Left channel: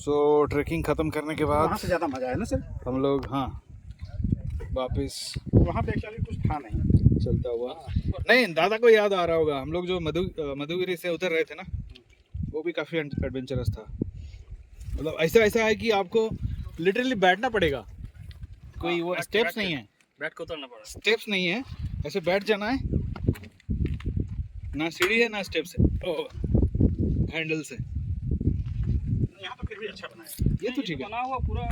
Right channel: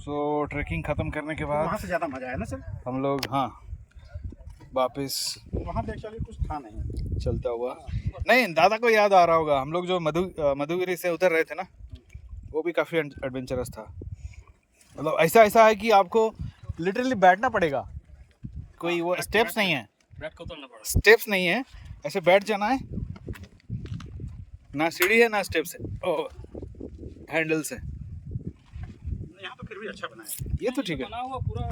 सो trekking ख़त्म करने के बाद वहाँ से ज़्यादा मज़ा है ना सर। हम लोग वापस वहाँ पे एक्चुअली कुछ था नहीं। चलता हुआ, नहीं दादा को याद आ रहा होगा, हम लोग जो मधुगिरी से उतर रहे थे ना, वो भी काफ़ी एडवेंचरस था। मतलब ऐसा है कि आपको लिटरली बैठना पड़ेगा, कोई वो स्टेप्स नहीं है, बैठ को उतरना पड़ा। स्टेप्स नहीं है, ऐसे बैठ जाना है, ना सीढ़ी है ना स्टेप्स है, ओ हैंडल्स है। यहाँ तो फिर भी अच्छा बना है। ये तो ठीक है, बना हुआ पूरा।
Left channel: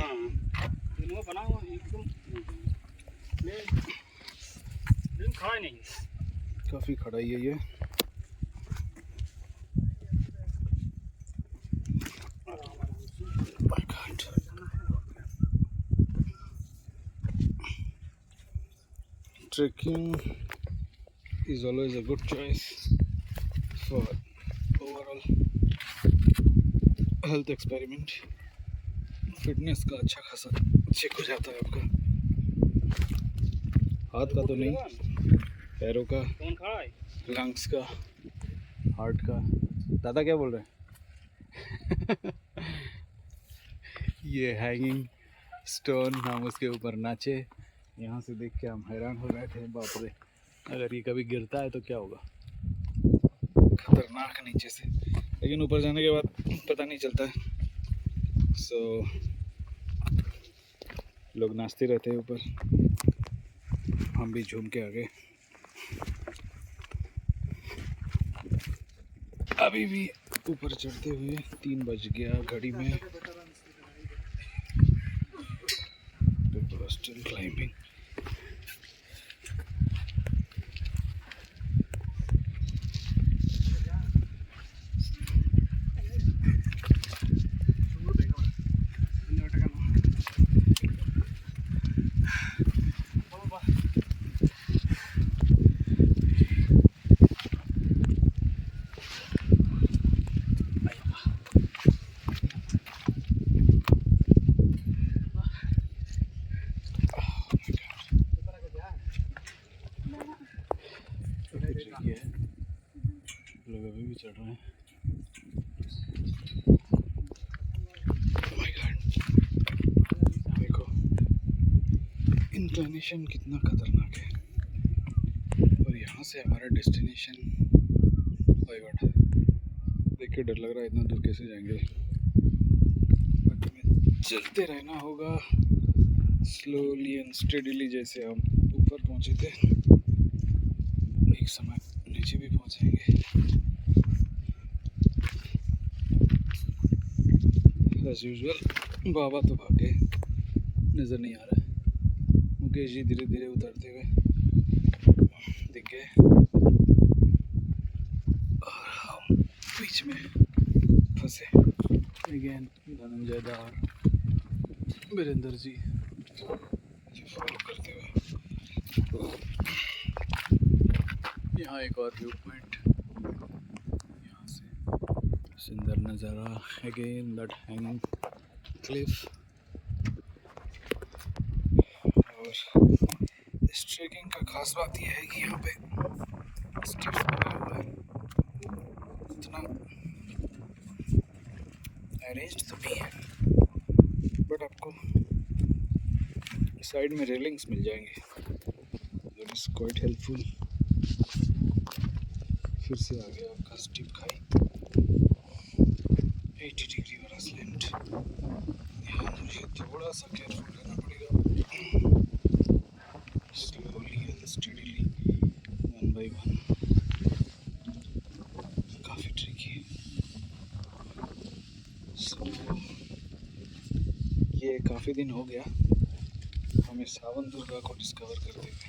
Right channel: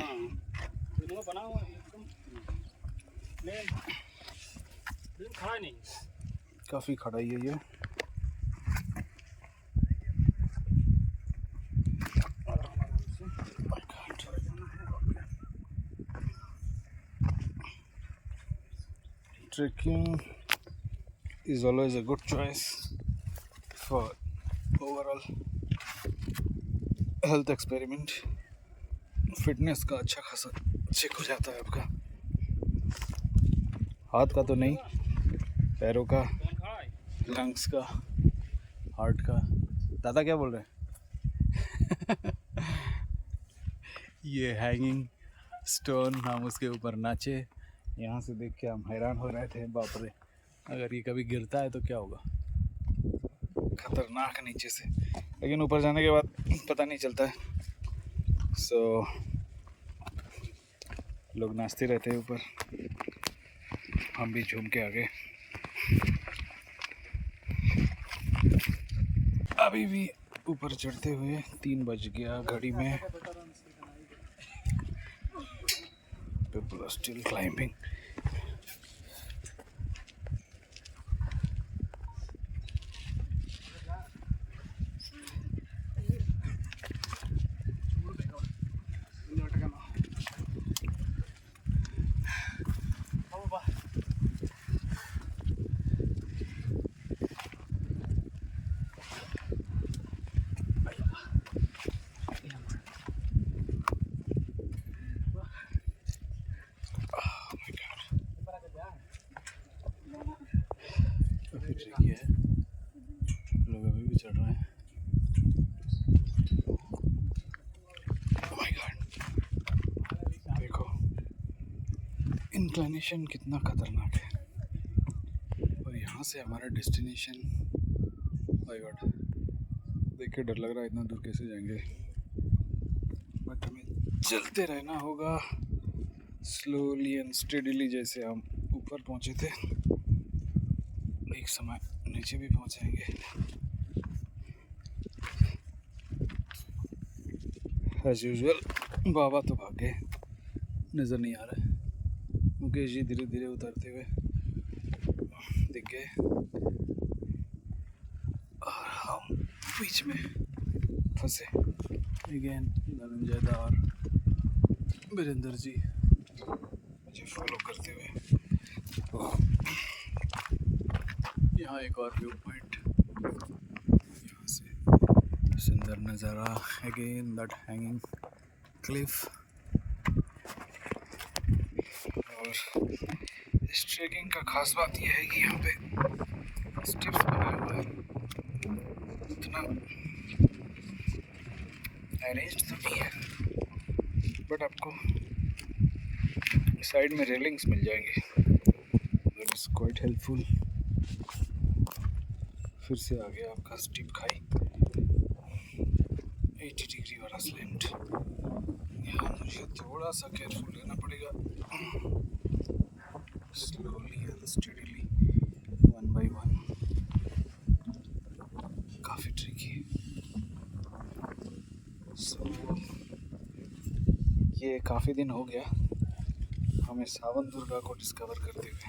हाँ बना हुआ एकदम खड़ा नहीं, काफ़ी खड़ाई है ये। Trekking is always a good choice for overall health experiment. Fitness का अच्छा खासा चेक हो जाता है आपका, हाथ का तो नहीं, पैरों का, लंग्स का, हार्ट का। दादा क्या बोल रहे हैं? ये हैंगिंग स्टोन, हम उसके ऊपर नाचे, यहाँ से देख के हम हैरान हो रहे थे, बाप रे अगर ये कभी गिरता है तो क्या होगा, खतरनाक नीचे से, लेकिन ऊपर जाने के बाद पता नहीं चलता है। सो लोग नाचते रहते हैं ऊपर, हम भी झूम के आ गए। अभी भी ऊपर चढ़ते हुए 3 बज गया घड़ी में। People are still climbing. ये है, लोग अभी भी चढ़ रहे हैं। Oh my God, देखो इंक्लिनेशन कितना खतरनाक है, और यहाँ से हमारा डेस्टिनेशन, माय गॉड देख के डर लग रहा है, इतना दूर कैसे जाएंगे, बट हमें चलते रहना होगा स्लोली एंड स्टेडीली। जैसे हम ऊपर पहुँचे थे, एक समय नीचे भी पहुँचेंगे। एज यूजुअल बाबा तो भाग गए, नज़र नहीं आ रहा है। मुकेश जी धीरे धीरे उतरते हुए दिख गए, और हम बीच में फंसे। अगेन धनंजय दा और वीरेंद्र जी मुझे फॉलो करते हुए। यहाँ एक और व्यू पॉइंट, यहाँ से सुंदर नज़ारा, अगेन दैट हैंगिंग क्लिफ। और इस ट्रेकिंग का खास बात यह है कि यहाँ पे स्टेप्स बना हुआ है, उतना अरेंज्ड तो नहीं है, बट आपको साइड में रेलिंग्स मिल जाएंगे, दैट इज़ क्वाइट हेल्पफुल। फिर से आ गया आपका स्टीप खाई, 80 डिग्री वाला स्लैंट। यहाँ मुझे थोड़ा सा केयरफुल रहना पड़ेगा, स्लोली एंड स्टेडीली, 1 by 1, काफ़ी ट्रिकी है। सो ये काफ़ी दिन हो गया हमें सावन दुर्गा को डिस्कवर करते हुए।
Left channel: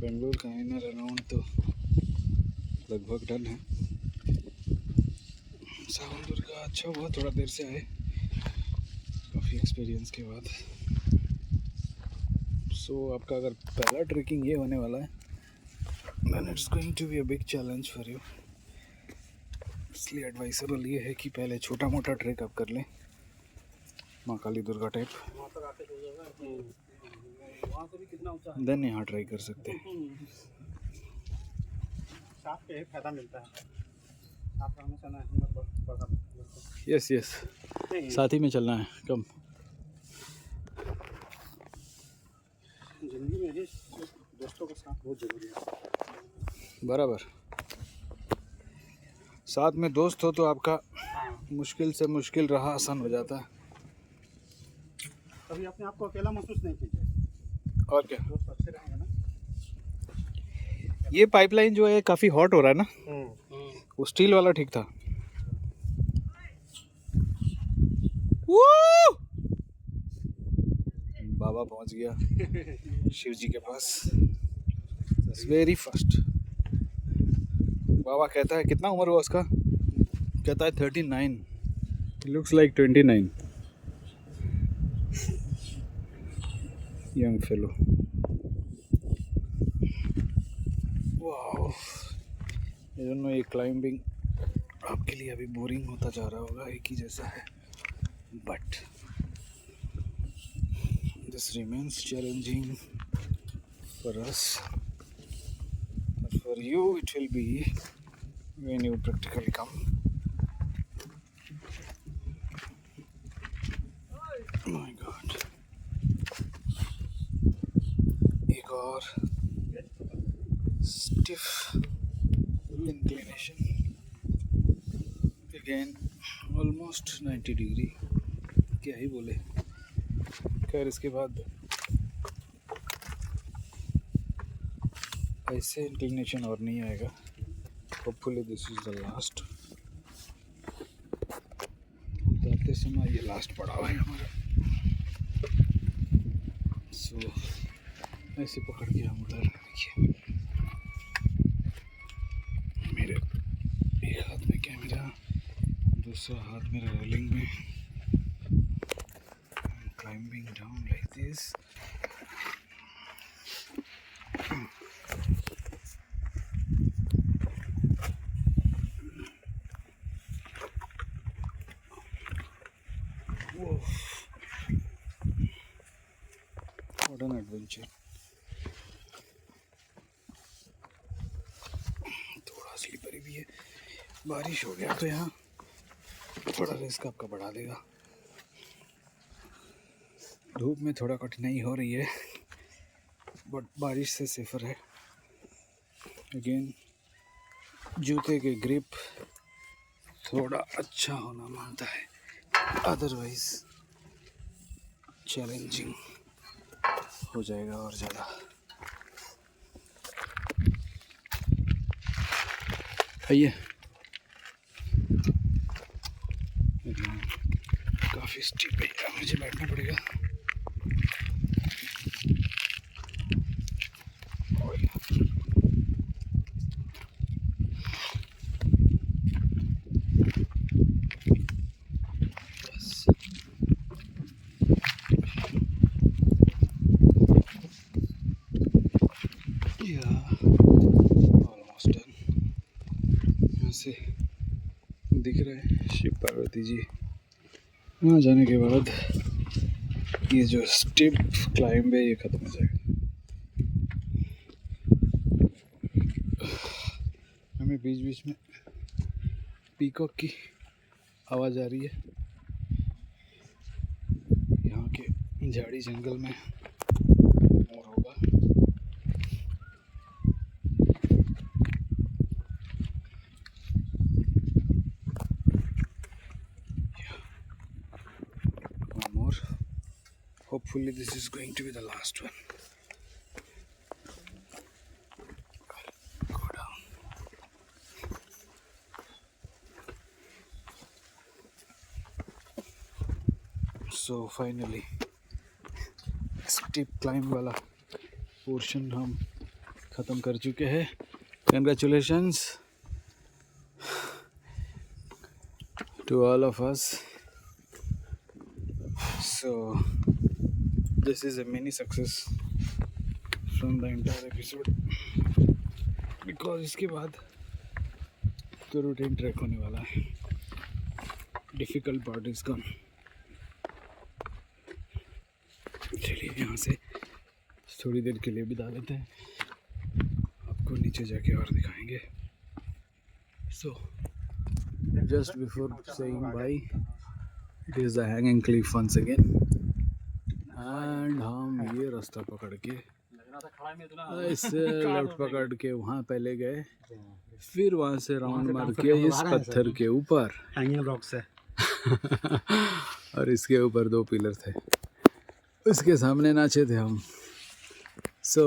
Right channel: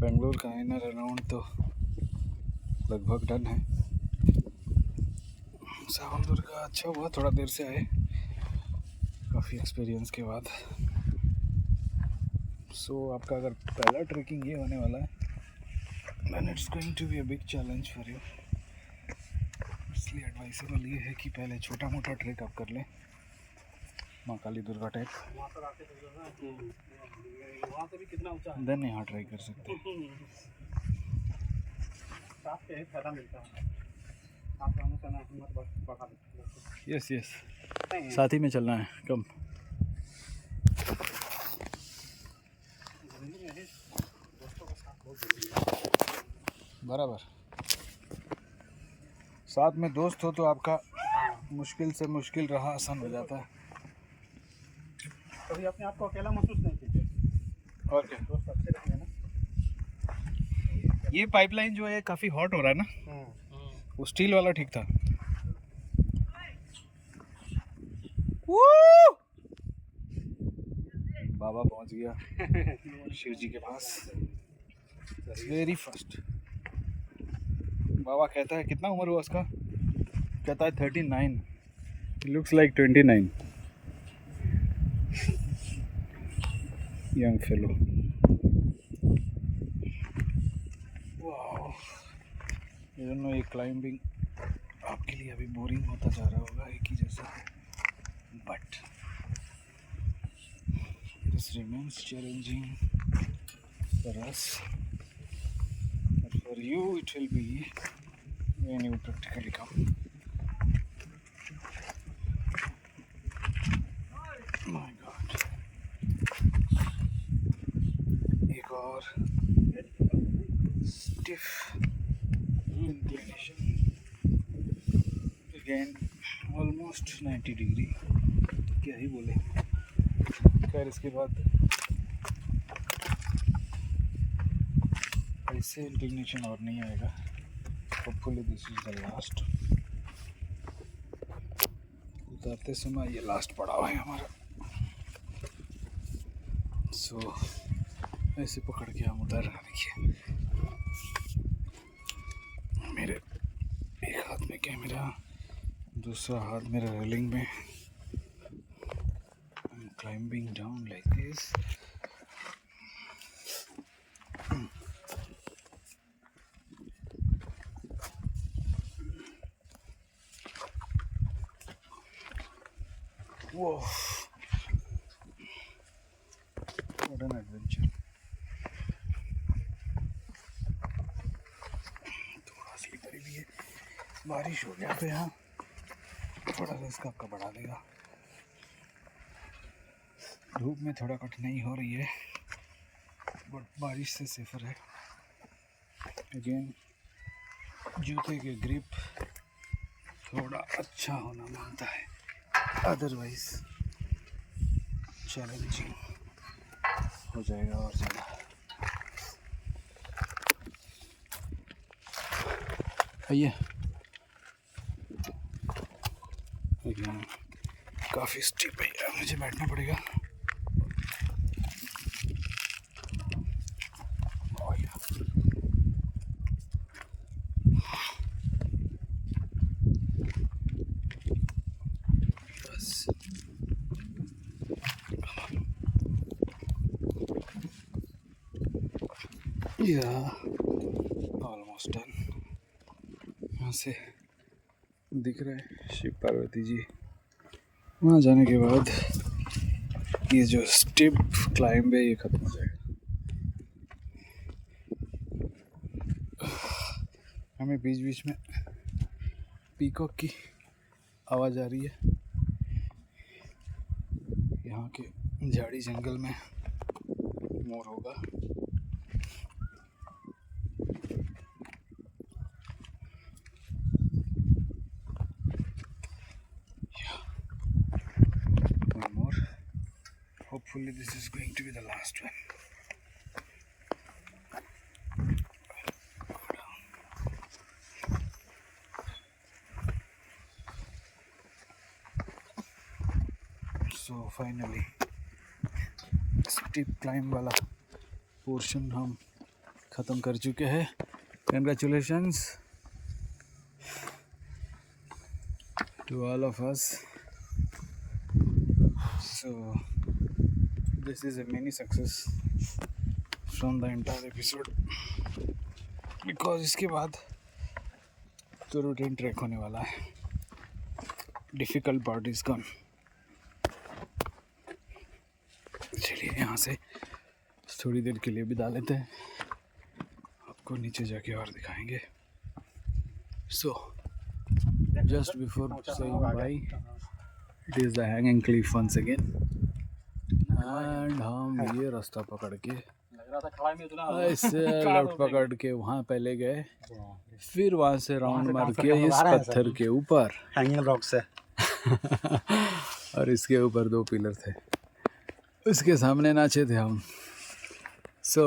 बेंगलोर का इनर अराउंड तो लगभग डन है, सावन दुर्गा अच्छा हुआ थोड़ा देर से आए, काफ़ी एक्सपीरियंस के बाद। सो आपका अगर पहला ट्रेकिंग ये होने वाला है, then it's going to be a big challenge for you. इसलिए एडवाइसेबल ये है कि पहले छोटा मोटा ट्रेक आप कर लें, माँ काली दुर्गा टाइप, वहाँ से भी कितना ऊंचा है, देन यहाँ ट्राई कर सकते हैं। साथ पे फायदा मिलता है। आप हमेशा ना हिम्मत बढ़ा देते यस यस, नहीं साथ ही में चलना है कम। जिंदगी में ही दोस्तों के साथ बहुत जरूरी है। बराबर, साथ में दोस्त हो तो आपका हाँ, मुश्किल से मुश्किल राह आसान हो जाता है। कभी अपने आप को अकेला महसूस नहीं कीजिए, और क्या, दोस्त अच्छे रहेंगे ना। ये पाइपलाइन जो है काफ़ी हॉट हो रहा है ना, वो स्टील वाला ठीक था। वो बाबा पहुंच गया शिव जी के पास वेरी फर्स्ट। बाबा कहता है कितना उम्र हुआ उसका, कहता है 39, लुक्स लाइक 29 यंग फेलो। वाह, ये दोनों ये क्लाइंबिंग आपके लिए अभी बोरिंग होता जा रहा होगा, एक ही जैसा है, but this remains challenging for us, but for you it will be when you practically come. My god, एक और stiff inclination, again almost 90 degree, क्या ही बोले। खैर इसके बाद ऐसे इंक्लिनेशन और नहीं आएगा। Hopefully this is the last. उतारते समय ये लास्ट पड़ाव है हमारा, सो ऐसे पकड़ के हम उतार रहे। देखिए मेरे एक हाथ में कैमरा, दूसरा हाथ मेरे रेलिंग में। Climbing down like this. Whoa! What an adventure! थोड़ा स्लिपरी भी है, बारिश हो गया तो यहाँ थोड़ा रिस्क आपका बढ़ा देगा। धूप में थोड़ा कठिनाई हो रही है, बट बारिश से सेफर है। अगेन जूते के ग्रिप थोड़ा अच्छा होना मांगता है, अदरवाइज चैलेंजिंग हो जाएगा और ज़्यादा। आइए, काफ़ी स्टीप है, मुझे बैठना पड़ेगा। Almost done. यहाँ से दिख रहा है शिव पार्वती जी। वहाँ जाने के बाद ये जो स्टिप क्लाइंब है ये ख़त्म हो जाएगा। हमें बीच बीच में पीकॉक की आवाज़ आ रही है। यहाँ के झाड़ी जंगल में मोर होगा। One more. Hopefully this is going to be the last one. Go down. So finally steep climb वाला पोर्शन हम ख़त्म कर चुके हैं। Congratulations to all of us. So this is a mini success from the entire episode, because इसके बाद तो routine track होने वाला है। Difficult part is gone. चलिए यहाँ से थोड़ी देर के लिए बिता लेते हैं, आपको नीचे जाके और दिखाएंगे। सो just before saying bye, it is the hanging cliff once again. And हम ये रास्ता पकड़ के लग रहा था खड़ा में इतना ऐसे लेफ्ट पकड़ के वहाँ पहले गए, फिर वहाँ से राउंड से मार bouncer के करने इस आ रहा है पत्थर सर। के ऊपर हैंगिंग रॉक से और इसके ऊपर 2 पिलर थे, उसके सामने नाचे थे हम. So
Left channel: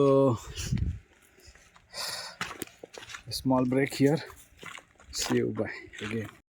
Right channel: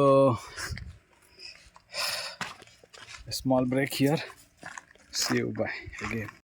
small break here. See you bye again.